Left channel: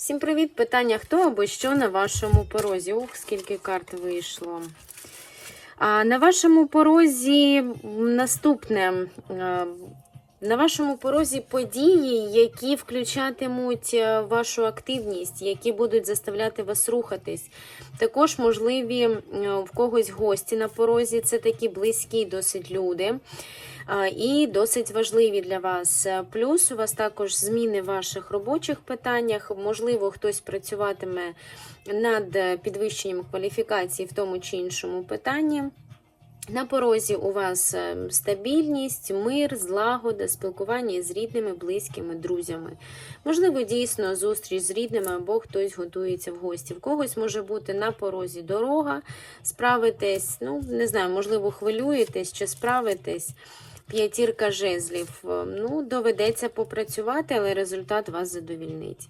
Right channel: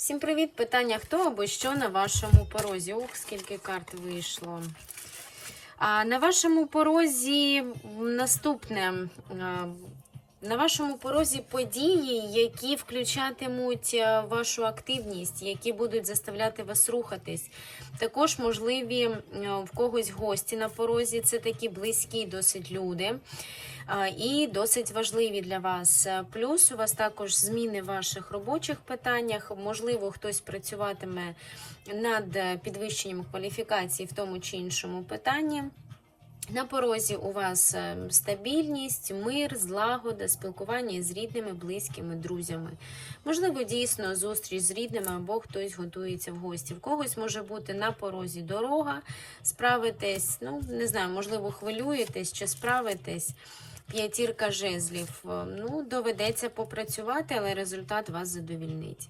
Всім привіт! Питання хто або що на вашому порозі? Ух, скільки карт вийшло. А на вашому порозі наступне. На вашому порозі події, які включатимуть е, вашу активність, які будуть заставляти вас рухатись. Також можливі в когось гості на порозі. Це такі близькі досить люди. І досить важливі для вас. Е, Плюс у вас також зміни в ваших робочих питаннях. Можливо, хтось працюватиме над е, підвищенням кваліфікації в тому чи іншому питанні. На порозі у вас е, стабільність, мир, злагода, спілкування з рідними, близькими, друзями. Можливо, дійсно зустріч з рідними або хтось готується в гості. В когось може бути на порозі дорога, справитесь, ну не знаю, можливо, хвилюєтесь чи справитесь. П'ятірка жезлів. Е, Ну, доведеться попрацювати, але результат вас задовільнить.